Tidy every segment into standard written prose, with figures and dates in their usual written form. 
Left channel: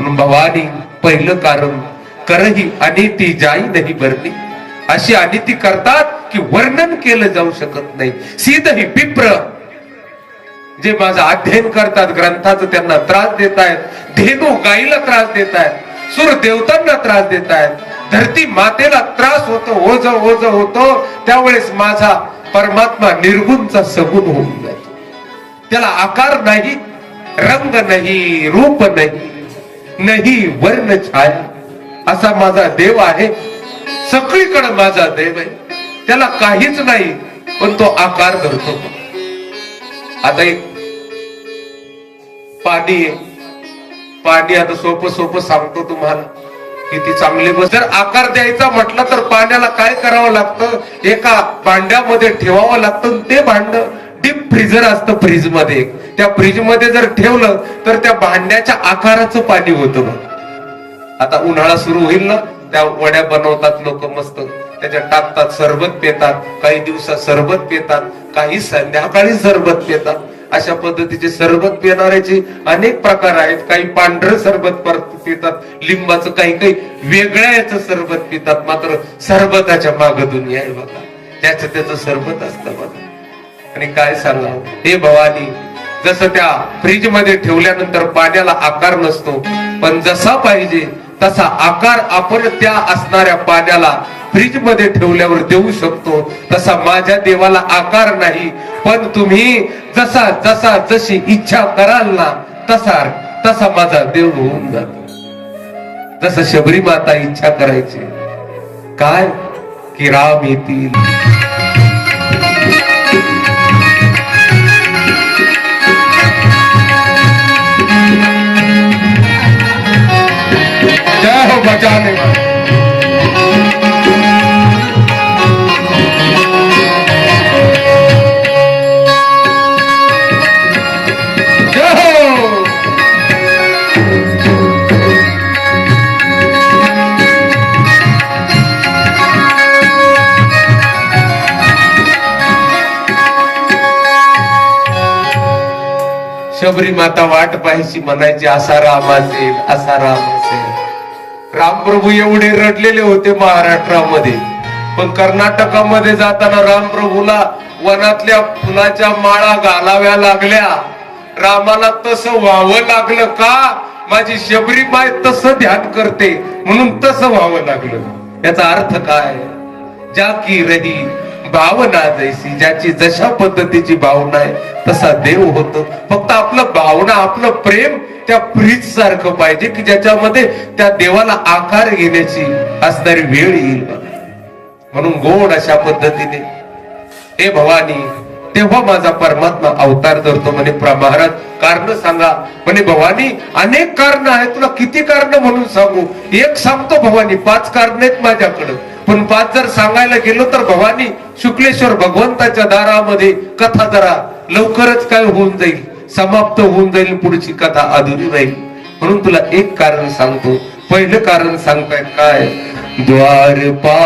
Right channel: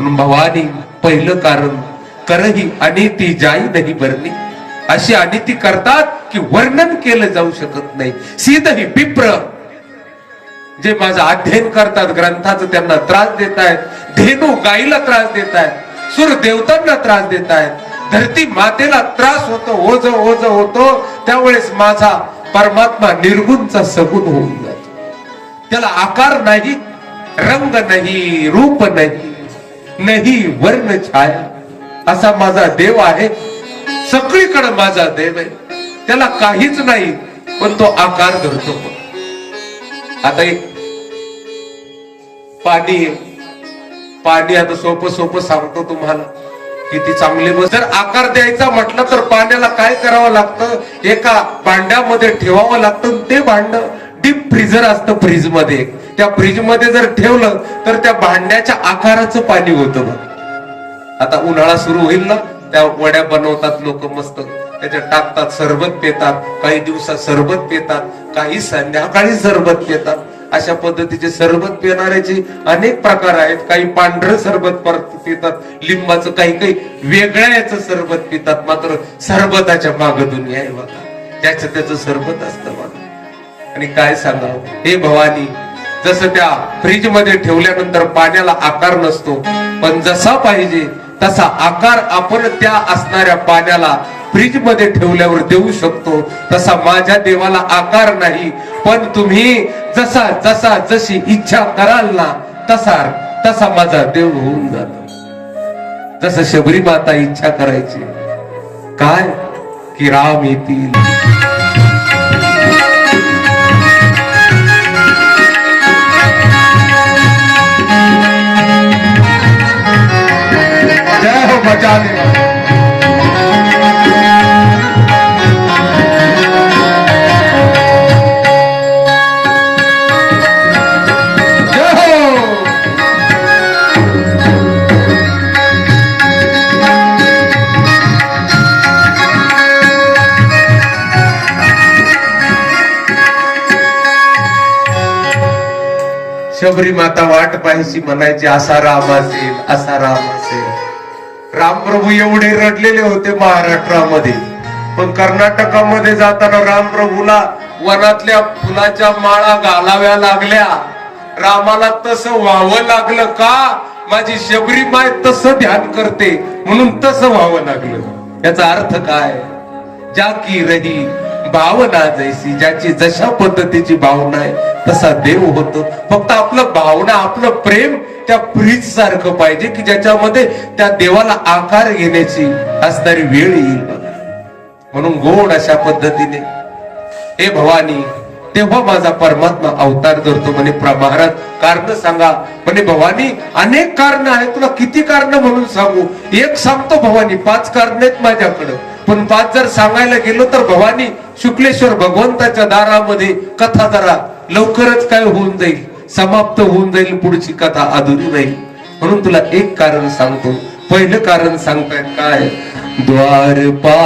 म्हणून भवानी पहिलं कारण करही अनिती जाई नाही बरणी. अशी अनिती करतात की वर्णन केलं जाऊ शकत नाही. सीध ही पिप्र जे माझं अध्ययन करतात ग्रंथाचं त्यांना त्रास देत आहेत, धेनू गाईला त्रास देत आहेत, सूर देवतांना त्रास देत आहेत, धरती मातेला त्रास होतो, ओझ ओझ होतो. त्यावेळेस माझा परमात्मा निर्गुणचा सगुण होऊन जातो. त्याला आकार नाही, रंग नाही, रूप नाही, नाही वर्ण छाया, असा माझा देव आहे. सगळीकडे माझा देव आहे, त्याला काहीच नाही पण तो आकार धरतो. आता एक पाणी आता सोपं सांगतो तुम्हाला, किती चांगले. जर आकार द्यायचा म्हटलं तर पाण्याला काय करावं लागतं, एका भांड्यामध्ये ठेवावं लागतं. ते भांड डीप फ्रीजर असतं, फ्रीज मध्ये. त्या फ्रीज मध्ये जर ठेवलं तर त्या भांड्याच्या आकाराचं पाणी होतं बघ. आता उन्हाळा सुरू होईल ना, त्या वड्या बनवतात लोक मस्त, त्याच्यात टाकतात, सरबत पितात. काही दिवसात सरबत पितात, काही संध्याकाळी सरबत पितात. अशा पद्धतीचे सरबत पिणाऱ्याचे अनेक प्रकार आहेत. काही पांढरं सरबत पितात, लिंबाचं, काही काही वेगळ्या याचं सरबत पितात. मात्र सरबताच्या माग दुनिया आहे बघा, त्याचं सरबत असतं बघा. आणि काय सांगावं, हे भवानी, जसं त्या फ्रीज मध्ये ठेवल्यानंतर पाण्याला आकार नसतो, पण जसा पाहिजे तसा आकार आपण त्या असणाऱ्या पाण्याला फ्रीज मध्ये ठेवल्यावर देऊ शकतो. तसा माझ्या देवाला आकार नाही, पण तुम्ही जशी इच्छा कराल ना तसा माझा देव होऊन जातो. जसं शबरी माता इच्छा करायची काय की राम येतील. जय हो बचाने वाले. शबरी माता वाट पाहायची, म्हणायची असा राम असेल, असा राम असेल. रामप्रभू एवढे रडलेले होते महाराष्ट्रामध्ये, पण कर्नाटकामध्ये जाताना रामप्रभूला वनातल्या फुलाच्या माळा घालाव्या लागल्या. रामाला तसं व्हावं लागलं का, माझी शबरी माय तसं ध्यान करते म्हणून तसं व्हावं लागलं. याचा अर्थ काय, ज्या की रही भावना जैसी, ज्याची जशा पद्धतीची भावना आहे तसा देव होतो. फक्त आपलं भावना, आपलं प्रेम त्या फ्रीज सारखं पाहिजे की ज्याच्यामध्ये त्या देवाला आकार घेण्याची असणारी वेळ येईल. म्हणून गोड अशा पद्धतीने हे भवानी, तेव्हा माझा परमात्मा अवतार धरतो. म्हणे महाराज कारण सांगा. म्हणे भवानी अनेक कारण आहेत, तुला किती कारण म्हणून सांगू. एक सांगतो भवानी, 5 कारण आहेत माझ्याकडे, पण 5 जर सांगायला गेलो तर भवानी शुक्लेश्वर भगवंताच्या दारामध्ये कथा जरा लवकरच काय होऊन जाईल, समाप्त होऊन जाईल, पुढची कथा अधुरी राहील. म्हणून तुला एक कारण सांगतो. पहिलं कारण सांगतायत काय, द्वारपाल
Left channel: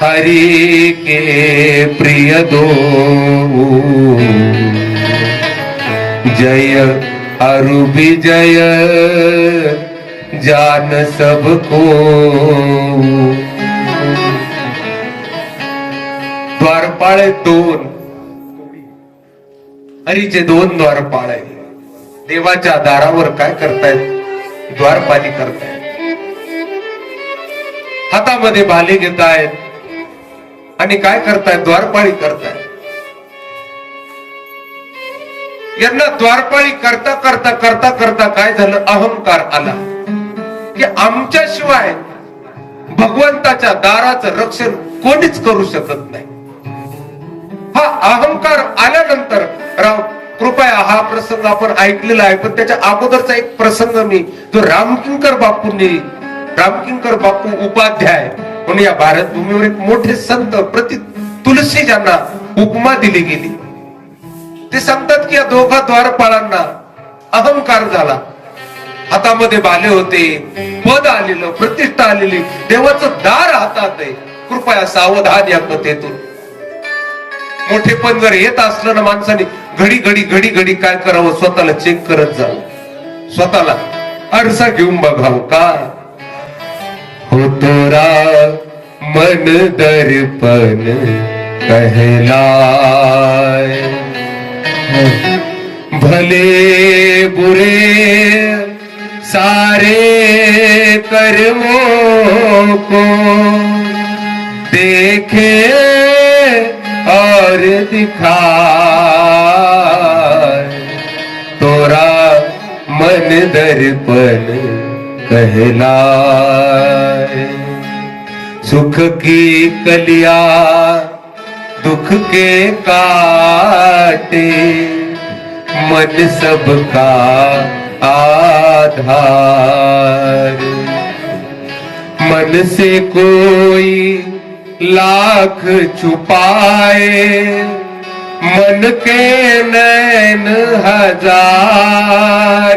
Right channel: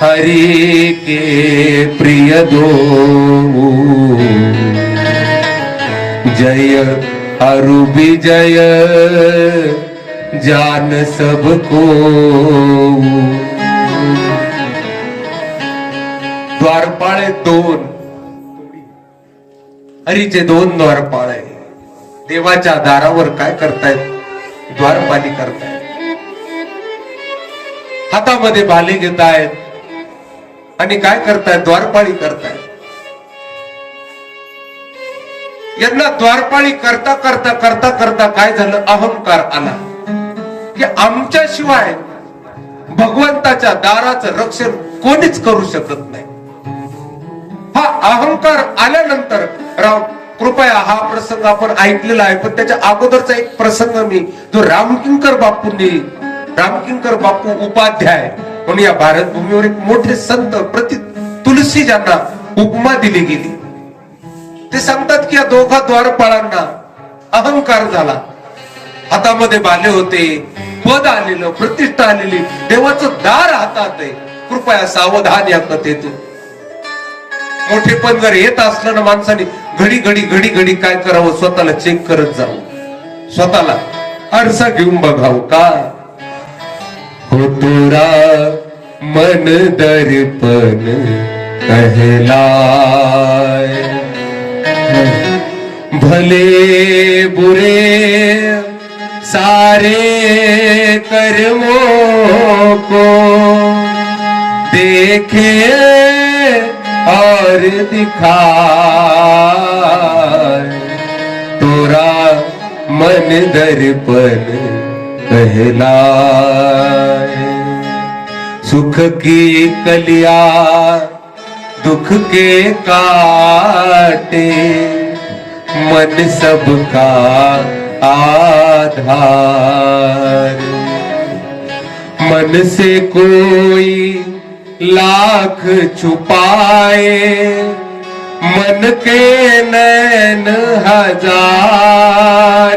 हरि के प्रिय दो, जय अरु विजय जान सबको. द्वारपाळ 2, हरीचे 2 द्वारपाळ आहे. देवाच्या दारावर काय करतायत, द्वारपाली करतायत. हातामध्ये भाले घेतायत आणि काय करतायत, द्वारपाळी करतायत. यांना द्वारपाळी करता करता करता करता काय झालं, अहंकार आला की आमच्याशिवाय भगवंताच्या दाराचं रक्षण कोणीच करू शकत नाही. हा अहंकार आल्यानंतर राम कृपया, हा प्रसंग आपण ऐकलेला आहे, पण त्याच्या अगोदरचा एक प्रसंग मी जो रामकिंकर बापू उपाध्याय म्हणून या भारत भूमीवर एक मोठे संत प्रति तुलसी ज्यांना उपमा दिली गेली, ते सांगतात की या दोघा द्वारपाळांना अहंकार झाला. हातामध्ये भाले होते, पद आलेलं, प्रतिष्ठा आलेली, देवाचं दार हातात आहे. कृपया सावधान या कथेतून. मोठे पण जर येत असलं ना माणसाने घडी घडी काय करावं, स्वतःला चेक करत जावं. स्वतःला आरसा घेऊन बघावं का हो तोरा मन दर्पण कहलाय भले बुरे सारे कर्मों को देखे और दिखाए तोरा मन दर्पण कहलाए सुख की कलिया दुख के काटे मन सबका आधार मन से कोई लाख छुपाए मन के नैन हजार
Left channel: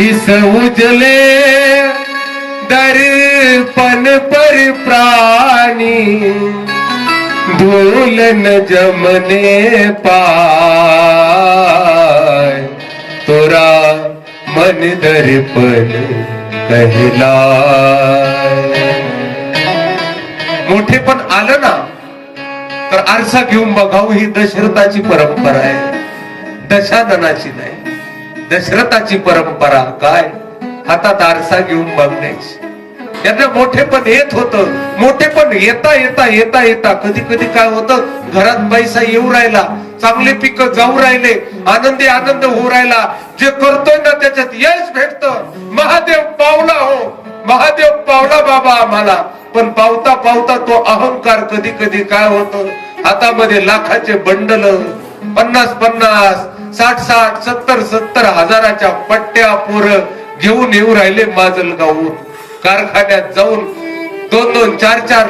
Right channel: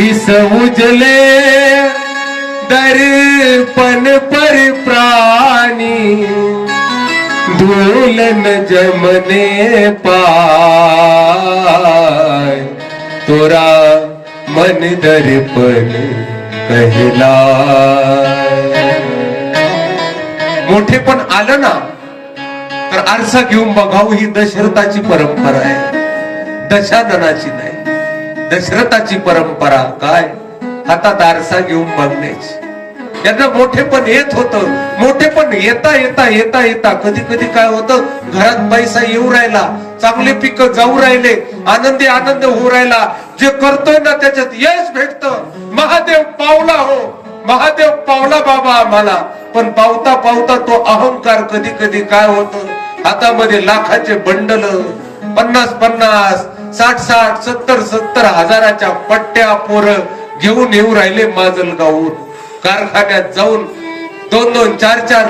इस उजले दर्पण पर प्राणी धूल न जमने पाए तोरा मन दर्पण कहलाय मोठे पण आलं ना तर आरसा घेऊन बघावं ही दशरथाची परंपरा आहे दशाननाची नाही दशरथाची परंपरा काय हातात आरसा घेऊन बघण्याची यांना मोठे पण येत होतं मोठे पण येता येता येता येता कधी कधी काय होतं घरात पैसा येऊ राहिला चांगले पिक जाऊ राहिले आनंदी आनंद होऊ राहिला जे करतोय ना त्याच्यात यश भेटतं महादेव पावला हो महादेव पावला बाबा आम्हाला पण पावता पावता तो अहंकार कधी कधी काय होतं हातामध्ये लाखाचे बंडल 50-50 60-60 70-70 हजाराच्या पट्ट्या पोरं घेऊन येऊ राहिले माजलगावहून कारखान्यात जाऊन 2-2, 4-4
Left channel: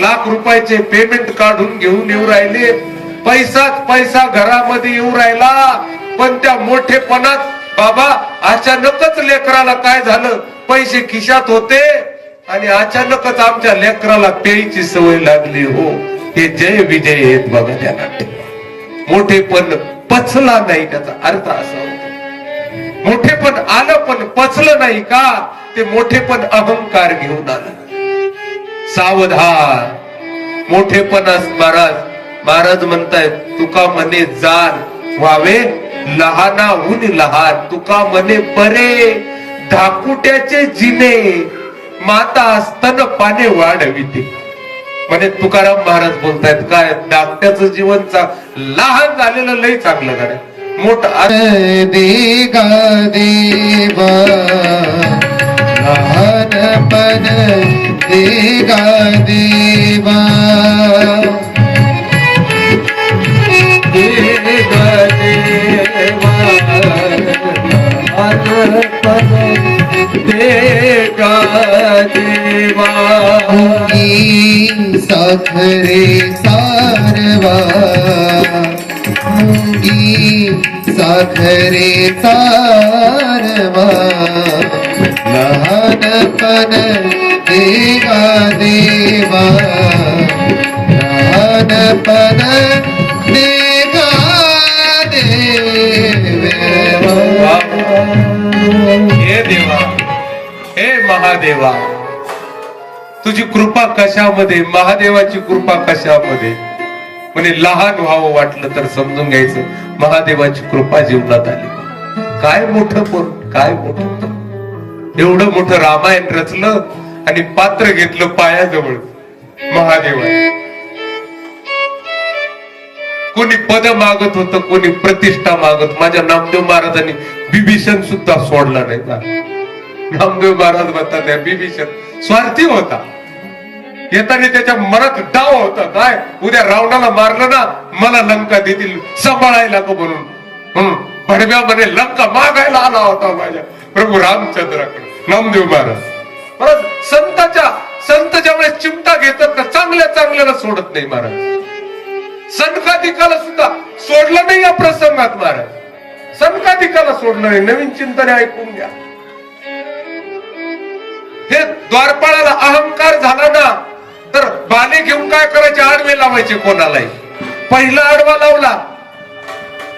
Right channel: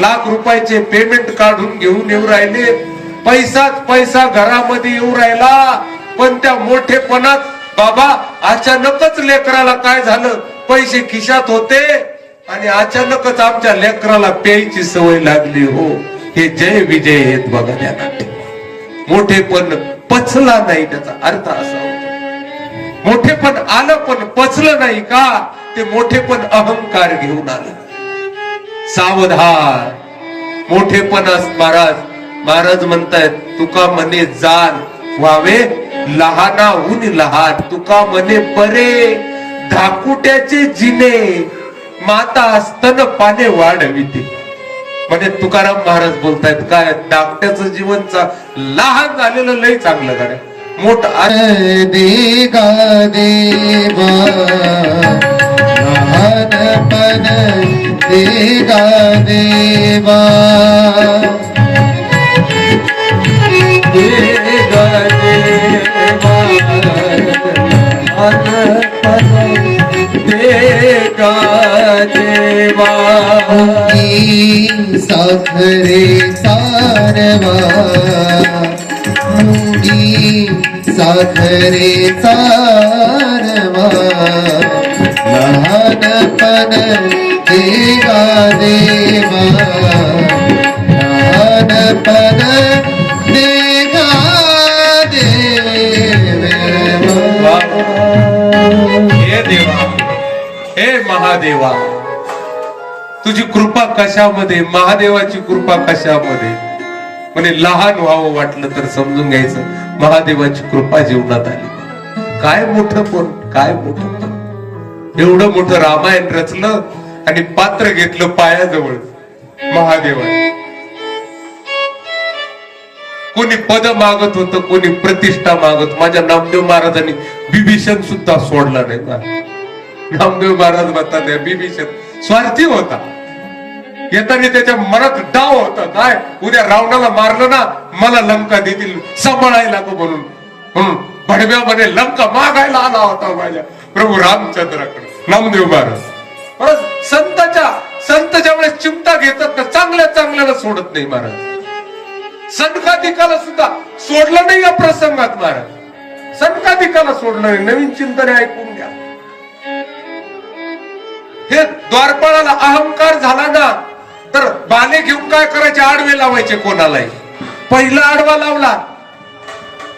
लाख रुपयाचे पेमेंट काढून घेऊन येऊ राहिले पैसाच पैसा घरामध्ये येऊ राहिला पण त्या मोठेपणात बाबा अचानकच लेकराला काय झालं पैसे खिशात होते आणि अचानकच आमच्या लेकराला प्यायची सवय लागली हो हे जय विजय आहेत बघा त्या मोठेपण पचला नाही त्याचा अर्थ असा होतो मोठेपण आलं पण पचलं नाही का ते मोठेपण अहंकार घेऊन आलं सावधान मोठेपणास महाराज म्हणतायत तुका मने जाण व्हावे लहानाहून लहान तुका मने बरे धाकुट्याचे जिने माता स्तन पाने वाढविते म्हणे तुकाराम महाराज बोलतायत काय धाकट्याचं जीवन लहान झालेलं लय चांगलं करा मोठं देगा देवा लहानपण देगा देवा देगा देवा लहानपण देगा देवा साखरे सारवा मुंगी साखरे सारवा लहानपण देवा देवा लहानपण देवा देवा हे देवा हे महादेवा तुझी कृपा कशामध्ये महादेवाची कृपा कशामध्ये म्हणजे लहान व्हावं वाटलं तर समजून घ्यायचं महादेवाची कृपा जीवनात आली काय मोठं पण काय मोठं एवढं मोठं रामायण रचलं आणि पात्र घेतलं पायाजवळ महादेवा कोणी पद मागत होतं कोणी प्रतिष्ठा मागत माझ्या नामदेव महाराजांनी बिभीषण सुद्धा सोडला नाही नामदेव महाराज म्हणतात बिभीषण स्वार्थी होता येताना त्याच्या मनात डाव होता काय उद्या रावणाला मारलं ना मला लंका देतील सांभाळायला का म्हणून भडव्या म्हणे लंका मागायला आला होता माझ्या प्रभू रामचंद्राकडे नामदेव महाराज संत ज्यावेळेस चिमटा घेतात ना चांगल्याला सोडत नाही महाराज सनकाधिकाला सुद्धा सोडलं नाही या प्रसंगात महाराज सनकाधिकाला सोडलं नाही नवीन चिंतन ऐकून घ्या हे द्वारपाळाला अहंकार झाला ना तर बाले घेऊन काय करायचे आडवे लावायचे कोणालाही पहिला आडवा लावला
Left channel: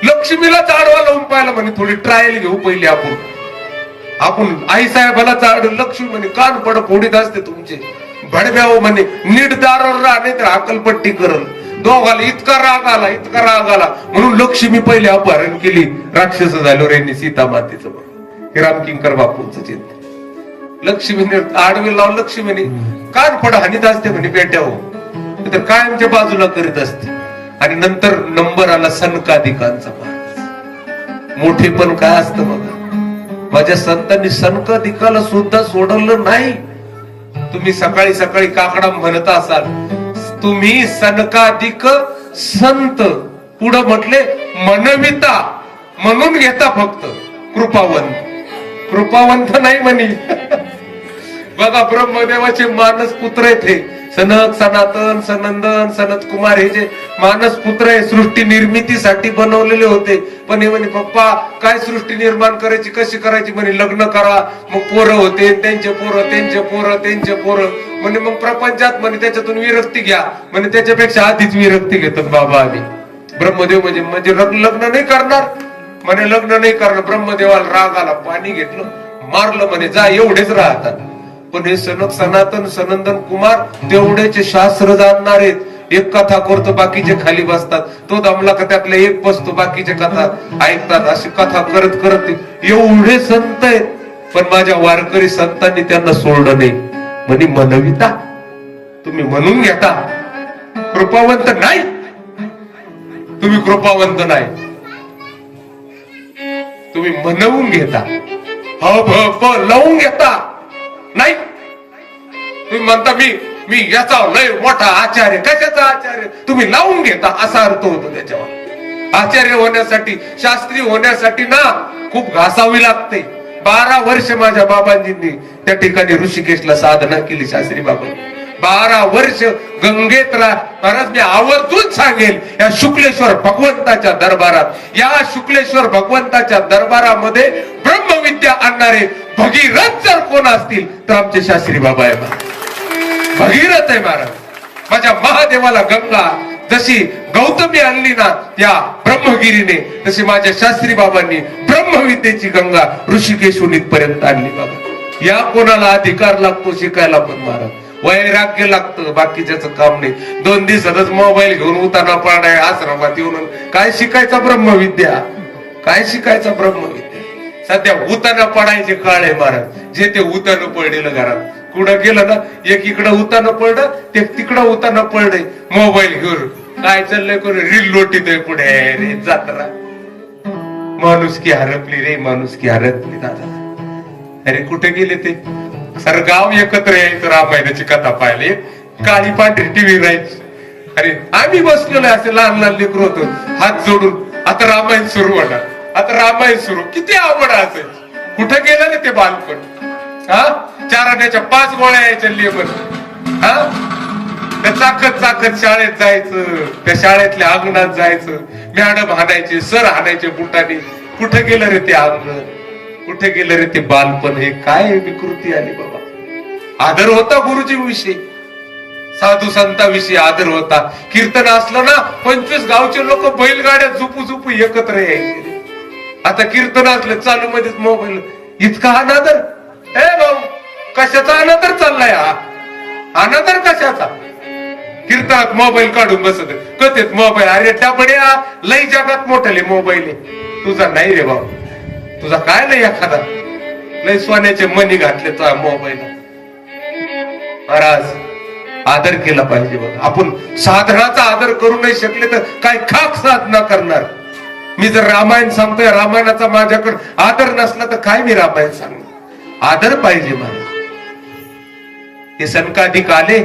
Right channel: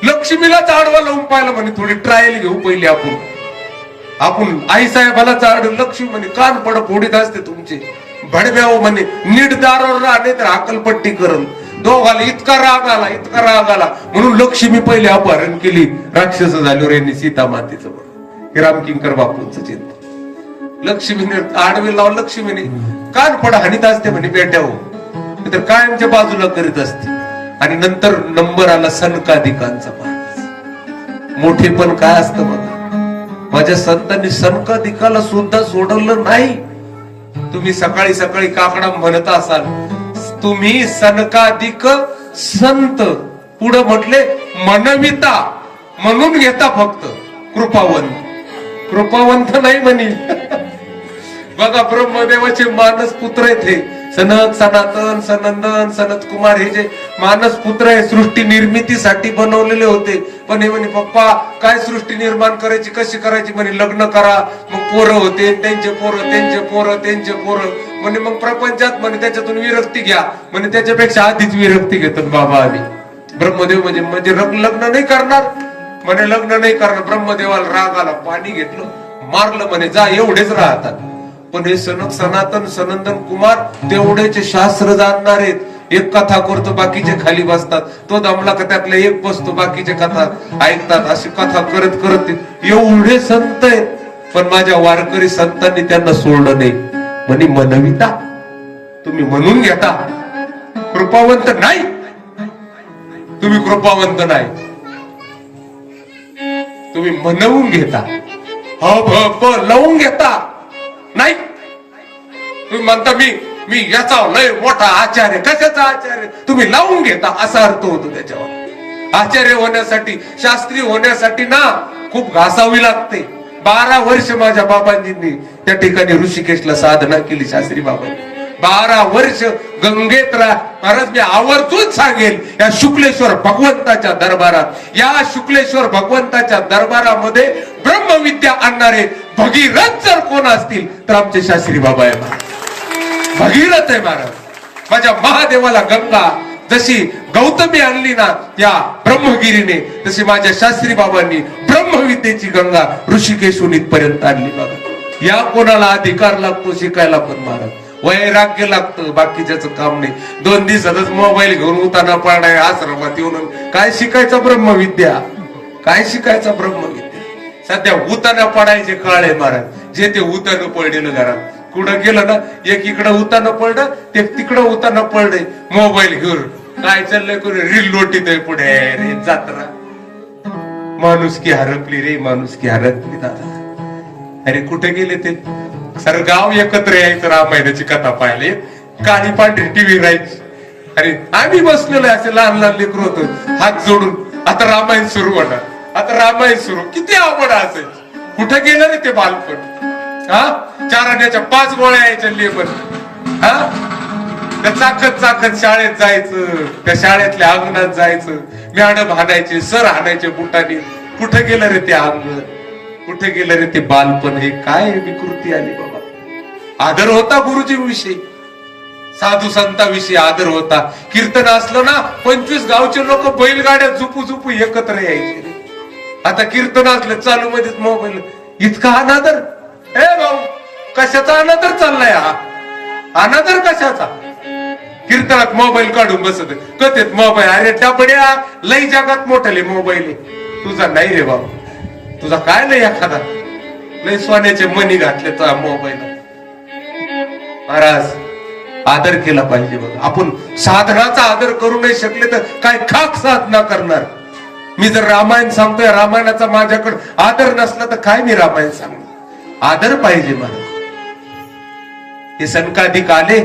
लक्ष्मीलाच आडवा लावून पाहिला म्हणे थोडी ट्रायल घेऊ पहिली आपण आपण आई साहेबाला चाड लक्ष्मी म्हणे कान पड फोडीत असते तुमचे भडव्याव म्हणे नीट दारावर राहणे तर अकलपट्टी करल दोघाला इतका राग आला म्हणून लक्ष्मी पहिले अपहरण केली राक्षस झाल्यावर यांनी सीता मातेचं बरोबर हे रामकिंकर बापूंचं चिंत लक्ष्मीने आडवे लावून लक्ष्मीने कान पड हानीत असते म्हणे पेट्यावर तर कायमच्या बाजूला करीत असते आणि नंतर नंबर आला सनकाधिकांचा महाराज मोठे पण काय असतं बघा माझ्या संतांनी सनकाधिकाला सुद्धा सोडवलं नाही तुम्ही सकाळी सकाळी काकडा म्हणत असाल तुम्ही सनकाधिक संत पुढं म्हटले मनविता म्हणून घेता फक्त कृपावंत नाही म्हणी बघा ब्रह्मदेवाचे मानस पुत्र आहेत हे सनक सनातन सनंदन सनत कुमार हे जे मानस पुत्र आहे सृष्टी निर्मितीसाठी बनवलेले होते पण हे म्हणे पप्पा काय सृष्टी निर्माण करायची कशी करायची म्हणे लग्न करा मग पोरं होते त्यांचे पोरं म्हणे मग प्रपंचात म्हणे त्याच्यातून विरक्ती घ्या म्हणे त्याच्यापेक्षा आधीच विरक्ती घेतात बाबा आधी ब्रह्मदेव म्हणजे लग्न नाही करणार म्हणे लग्न नाही करणार ब्रह्मदेवाला राग आला पाणी घेतलं मारलं म्हणे जा एवढेच राहतात पण हे सनक सनातन सनंदन कुमार तेवढेचे शास्त्र जाणणार आहेत एक कथा करतो बाकीचे खाली बसतात तो दमला का त्यातल्या एक बसतो बाकीचे कथा ऐकतात अशी कथा करत करत एवढे संत आहेत पण माझ्या वारकरी संतांनी त्यांना सोडलं नाही म्हणे मनविता तुम्ही म्हणून घेता कृपावंत नाही तुम्ही कृपावंत नाही तुम्ही म्हणवून घेता लावून घेता नाही तुम्ही म्हणता मी याचा लय मोठा आचार्य कशाचा आचार्य तुम्ही लावून घेता असा अर्थ होतो त्याच्यावर आचार्य होण्यासाठी शास्त्री होण्यासाठी ना खूप घासावी लागते 12 वर्ष माझ्या बाबांजींनी त्या ठिकाणी ऋषिकेशला साधना केली शास्त्री बाबांनी 12 वर्ष गंगेत महाराज मी आवर्जून सांगेल या शुक्लेश्वर भगवंताच्या दरबारात या शुक्लेश्वर भगवंताच्या दरबारामध्ये ब्रह्मविद्या आणणारे भगीरथ जर कोण असतील तर आमचे शास्त्री बाबा आहे महाराज भगीरथ आहे महाराज माझ्या महादेवाला गंगा जशी गौतमी आणली ना त्या ब्रह्मगिरीने तशी माझ्या शास्त्री बाबांनी ब्रह्मविद्येची गंगा ऋषिकेशून इथपर्यंत आणली बघा या कोणाला अधिकार लागतो शिकायला पण महाराज वैराग्य लागतं बाकीच्याच काम नाही 2 दिवसातच मोबाईल घेऊन उताना पडणार आश्रमात येऊन काय शिकायचा ब्रह्मविद्या सध्या उताना पडायचे काळ आहे महाराज जे ते उतानं पडलेलं घरात कुठं गेलं ना एक इकडं उतानं पडलं ते तिकडं उतानं पडलंय मोबाईल घेऊन काय चाललंय कोणी रील लोटीत पुढे रे जाताना माणुसकी हरपली दादा अरे कुठे गेले ते सर गाव एकत्र यायचं रामायणाची कथा पाहिले काळी पांढरी टीव्ही राहायची आणि आम्ही बसलेलो असे लहान लेकरू होतो हात जोडून आता रामायण सुरू किती आवड असायची कुठे गेलं रे ते बालपण 4 आण्याच्या 5 गोळ्या यायच्या लेबन त्या चाकत शाळेत जायचं त्या शाळेतल्या अंगणात जायचं मॅडम हाणायचे सर हाणायचे बुटाने कुठे गेलं रे ते अंगण कुठे गेलं रे ते बालपण हे काय विकृती आली बाबा आदर होता गुरुजीविषयी साधू संताविषयी आदर होता कीर्तन असलं ना 25 गावचे लोक बैलगाड्या झुपू एकत्र यायचे आता कीर्तन असलं चालू मध्येच मोबाईल इतका अनादर भाऊ कशाचा अनादर चाललाय हा अनादर कशाचा कीर्तनात मोबाईल काढून बसत कथेत मोबाईल अरे टापड्या लई जगात मोठाले मोबाईल आहे तुझा नाही रे भाऊ तुझा काय नाही एखादा लई सोन्याचे मनी घातले तो मोबाईल महाराज आदर केला पाहिजे बघा आपण साधनाचा आदर करू नाही शकले तर काय खाक साधना करणार मी जर रामायण सांगतोय रामायणाचा माझ्याकडे आदर नसला तर काय मी रामायण सांगणार आदर पाहिजे महाराज हे सनकाधिक आले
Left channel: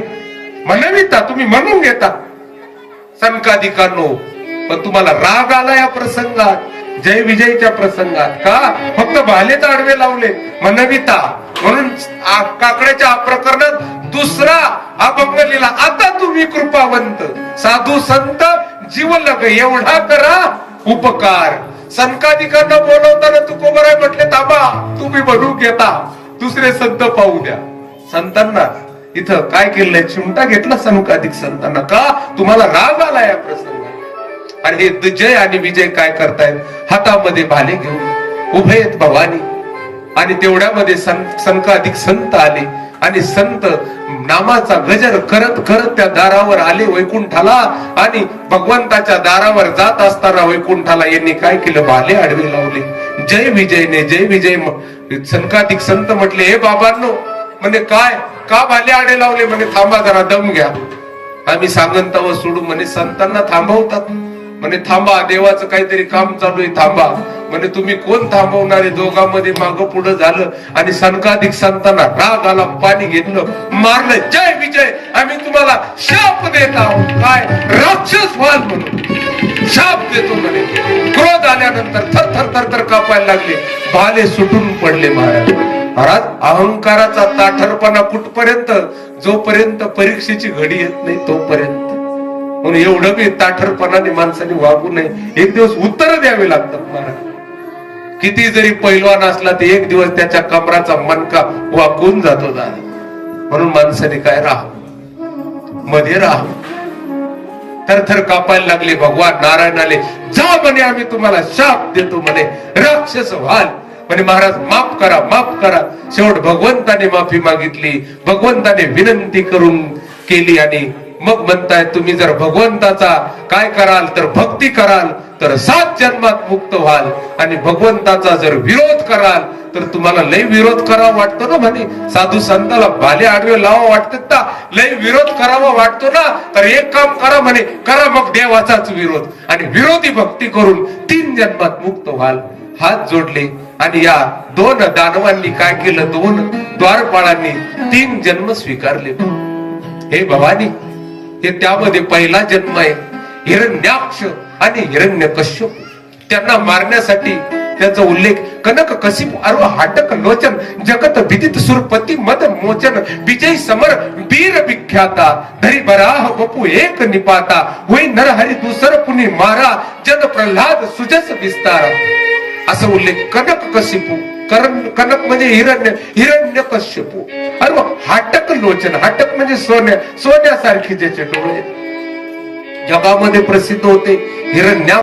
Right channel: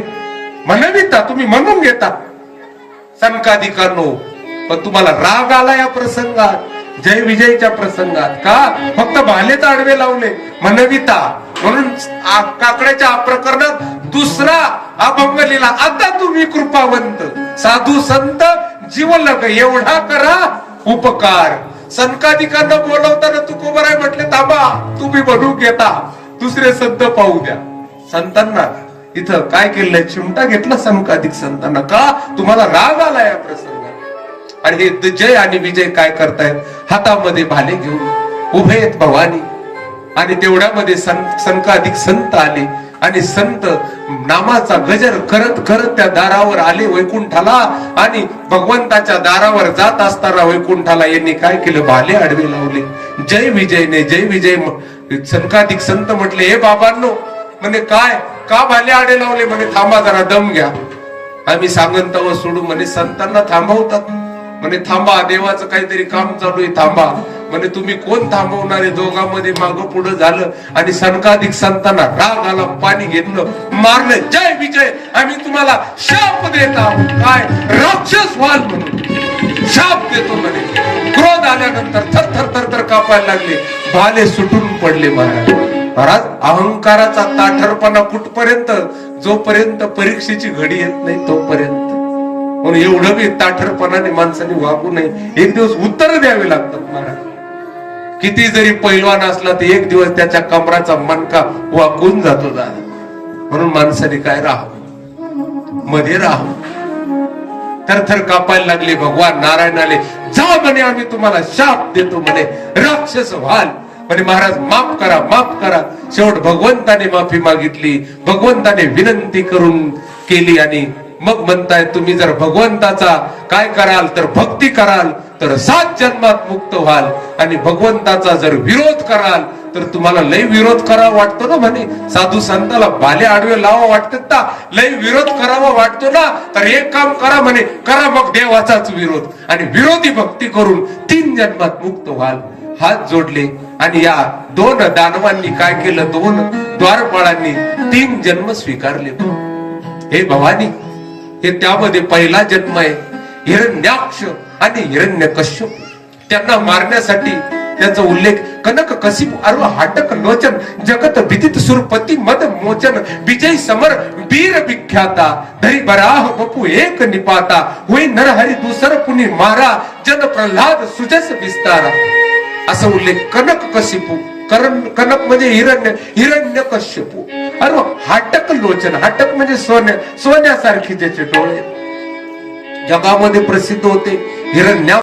म्हणविता तुम्ही म्हणून घेता सनकाधिकांनो पण तुम्हाला राग आला या प्रसंगात जय विजयच्या प्रसंगात का फक्त भालेच आडवे लावले म्हणविता म्हणून काकड्याच्या प्रकरणात दुसरा अभंग लिहिला आता तुम्ही कृपावंत साधू संत जीवलग एवढा करा उपकार सनकाधिकांना बोलवताना तुकोबराय म्हटले थांबा तुम्ही म्हणून घेता दुसरे संत पाहू द्या संतांना इथं काय केलंय चिमटा घेतला सनकाधिक संतांना का तुम्हाला राग आला या प्रसंगात आणि हे जय आणि विजय काय करतायत हातामध्ये भाले घेऊन उभे आहेत भवानी आणि तेवढ्यामध्ये संकाधिक संत आले आणि संत नामाचा गजर करत करत त्या दारावर आले वैकुंठाला. आणि भगवंताच्या दारावर जात असताना वैकुंठाला यांनी काय केलं, भाले आडवे लावले. जय विजयने जय विजय. संकाधिक संत म्हटले, हे बाबांनो, म्हणे काय का भाले आडे लावले? म्हणे थांबा जरा दम घ्या, आम्ही सांगन तव सोडू. म्हणे संतांना थांबवतात. म्हणे थांबा, देवाचं काहीतरी काम चालू आहे, थांबा. म्हणे तुम्ही कोण थांबवणारे? दोघांमध्ये मागं पुढं झालं आणि संकाधिक संतांना राग आला, पाणी घेतलं, मारलं. जय विजय, आम्ही तुम्हाला शाप देत आहोत. काय राक्षस व्हाल म्हणून शाप देतो म्हणे. क्रोध आल्यानंतर थर थर थर थर कापायला लागले, भाले सुटून पडले. महाराज अहंकाराचा ताठरपणा कुठपर्यंत? जोपर्यंत परीक्षेची घडी येत नाही तोपर्यंत. म्हणून एवढं बी ताठरपणाने माणसाने वागू नये. एक दिवस उत्तर द्यावे लागतात. महाराज किती जरी पैलवान असला तर एक दिवस त्याच्या कमराचा मणका वाकून जातो दादा. म्हणून माणसाने काय राहावं, मध्ये राहावं. थरथर कापायला लागले. भगवान नारायण आले, जा म्हणे आम्ही तुम्हाला शाप देतो म्हणे, राक्षस व्हाल. म्हणे महाराज माफ करा, माफ करा. शेवट भगवंताने माफी मागितली, भगवंताने विनंती करून केली. आणि मग म्हणताय, तुम्ही जर भगवंताचा काय कराल तर भक्ती कराल तर 7 जन्मात मुक्त व्हाल. आणि भगवंताचा जर विरोध कराल तर तुम्हाला लय विरोध करावा वाटतो ना. म्हणे साधू संताला भाले आडवे लावा वाटतात ना, लय विरोध करावा वाटतो ना, तर एक काम करा म्हणे, करा मग देवाचाच विरोध आणि विरोधी भक्ती करून 3 जन्मात मुक्त व्हाल. हात जोडले आणि या 2 दानवांनी काय केलं, 2 द्वारपाळांनी 3 जन्म स्वीकारले. हे भवानी, हे त्यामध्ये पहिला जन्म आहे. हिरण्याक्ष आणि हिरण्यकश्यप, त्यांना मारण्यासाठी त्यांचा उल्लेख कनक कसिप अर्व हाटक लोचन जगत विदित सुरपती मद मोचन विजय समर वीर विख्याता धरी बराह बपू एक निपाता होई नरहरी दुसर पुनी मारा जन प्रल्हाद सुजस विस्तार. असा उल्लेख कनक कसिपू, कनक म्हणजे हिरण्य कश्यपू, अरे हाटक लोचन, हाटक म्हणजे सोन्यासारखे ज्याचे डोळे जगामध्ये प्रसिद्ध होते. हिरण्या